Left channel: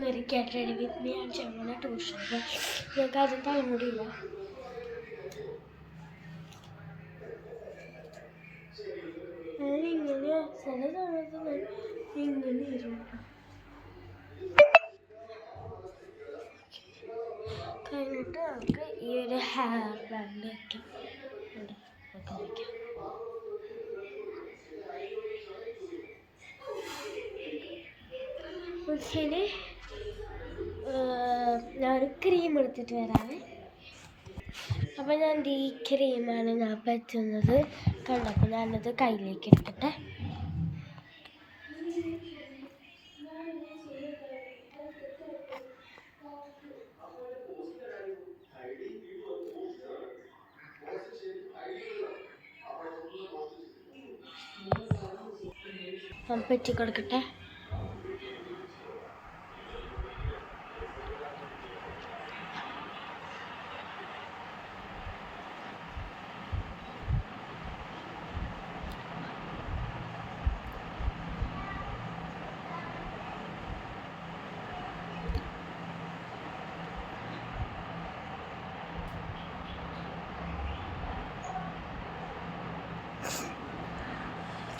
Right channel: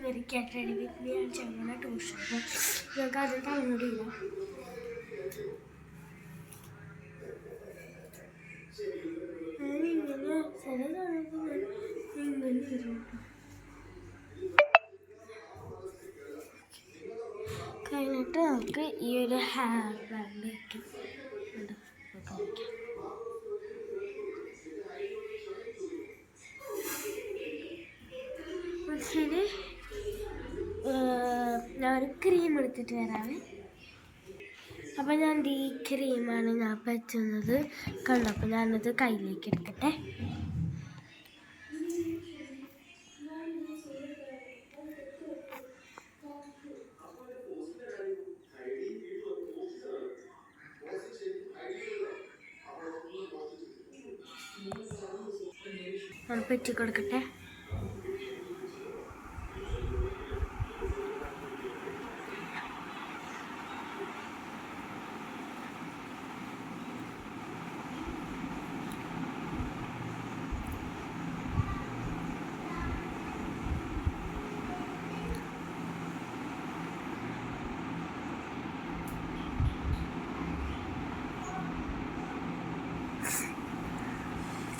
मेरी get ready with me आणि जेवणाला ट्यूशन पण अजून काय मुलीला ഇങ്ങനെ ചില സമയത്ത് ഇങ്ങനെ ഇരുട്ടോ കഴിഞ്ഞിട്ട് നമുക്ക് ഈ ഒരു ഹെയർ ബാൻഡ് വയ്ക്കാം ഇനി ഞാനൊരു ക്രീം എടുത്തിട്ട് വരാമേ. അപ്പോൾ ഞാൻ ഈ ക്രീമാണ് ഞാൻ പറ്റുന്നത് കണ്ടപ്പോൾ ഞാനത് കയ്യിലേക്ക് എടുക്കട്ടെ. ഞാൻ പറ്റി കൊടുക്കട്ടെ.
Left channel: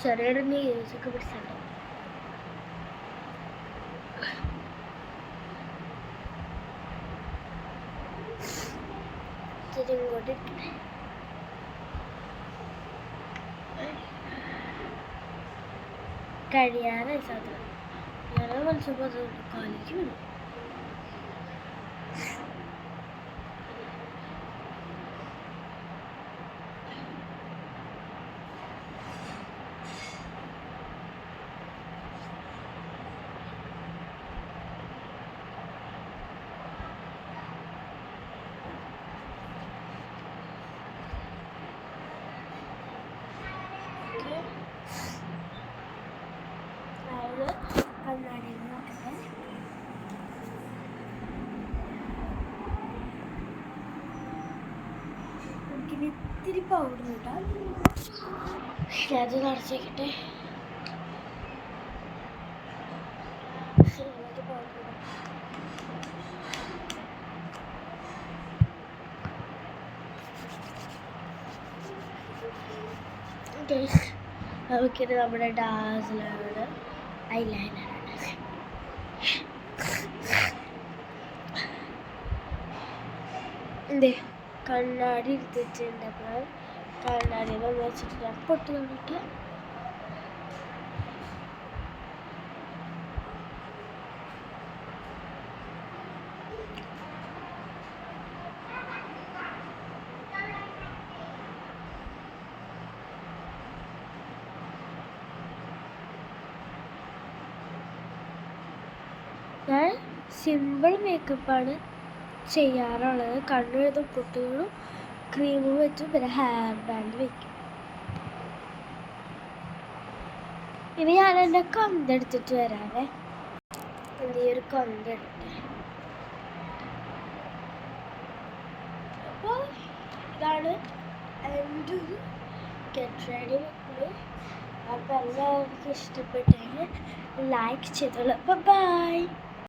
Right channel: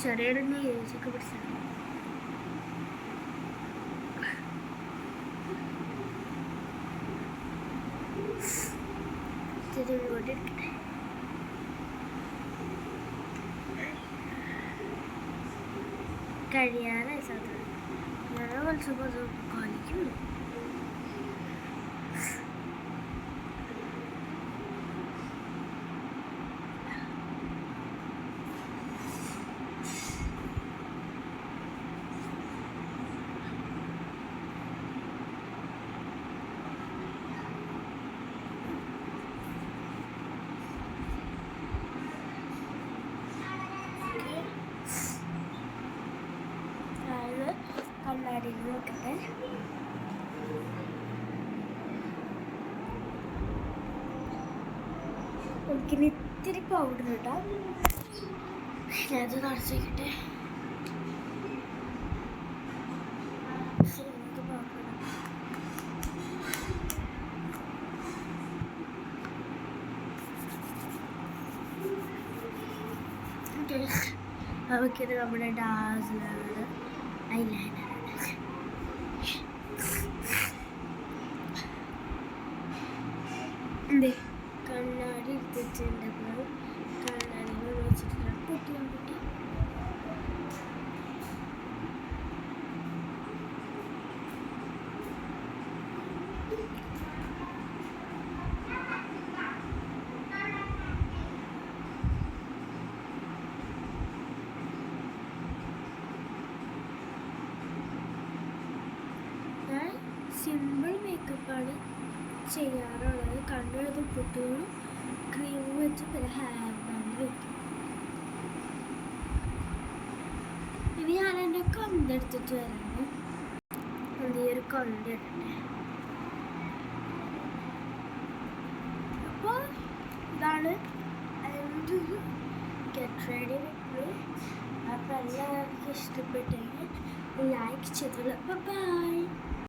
ചെറിയൊരു ന്യൂസൊക്കെ പിടിച്ചിട്ടുണ്ട്. ഇങ്ങോട്ട് ഇരിക്കട്ടെ. കഴിയാറായി സാധനം ഞാൻ വിളിച്ചപ്പോൾ കാലിക്ക് വരും. കണ്ണാടിയിൽ നോക്കട്ടെ. നമുക്കിനി ഇത്തിരി പൗഡർ ഇടാം. അത് നിറച്ചേക്കട്ടെ. പൗഡർ ഇടാം. നമുക്കിത് നമ്മുടെ ഡാസിലാണ് ഐലൈനർ. എന്തേ കണ്ണാടി എടുത്തിട്ടുണ്ട്. അപ്പോൾ കണ്ണാടിയിൽ വെച്ചിട്ട് ഞാൻ പൊട്ട് തന്നിട്ട് ഞാൻ സിമ്പിൾ മേക്കപ്പാണ് ചെയ്യാറുള്ളത്. കണ്ണെഴുതും പൊട്ടുകളും ക്രീമും വെച്ചും പിന്നെ ഹെയർ ബാൻഡ് വയ്ക്കും. ഇനി ഞാൻ എൻ്റെ കൊന്തെടുത്തിട്ട് വരാവേ. എന്തൊരു കൊന്തെടുട്ടെ. അപ്പോൾ ഇതാണ് എൻ്റെ ഒരു ഗെറ്റ് റെഡി വിത്ത്. അപ്പോൾ എല്ലാവർക്കും ഇഷ്ടപ്പെട്ടെങ്കിൽ ലൈക്ക് ചെയ്തോളൂ. ബൈ.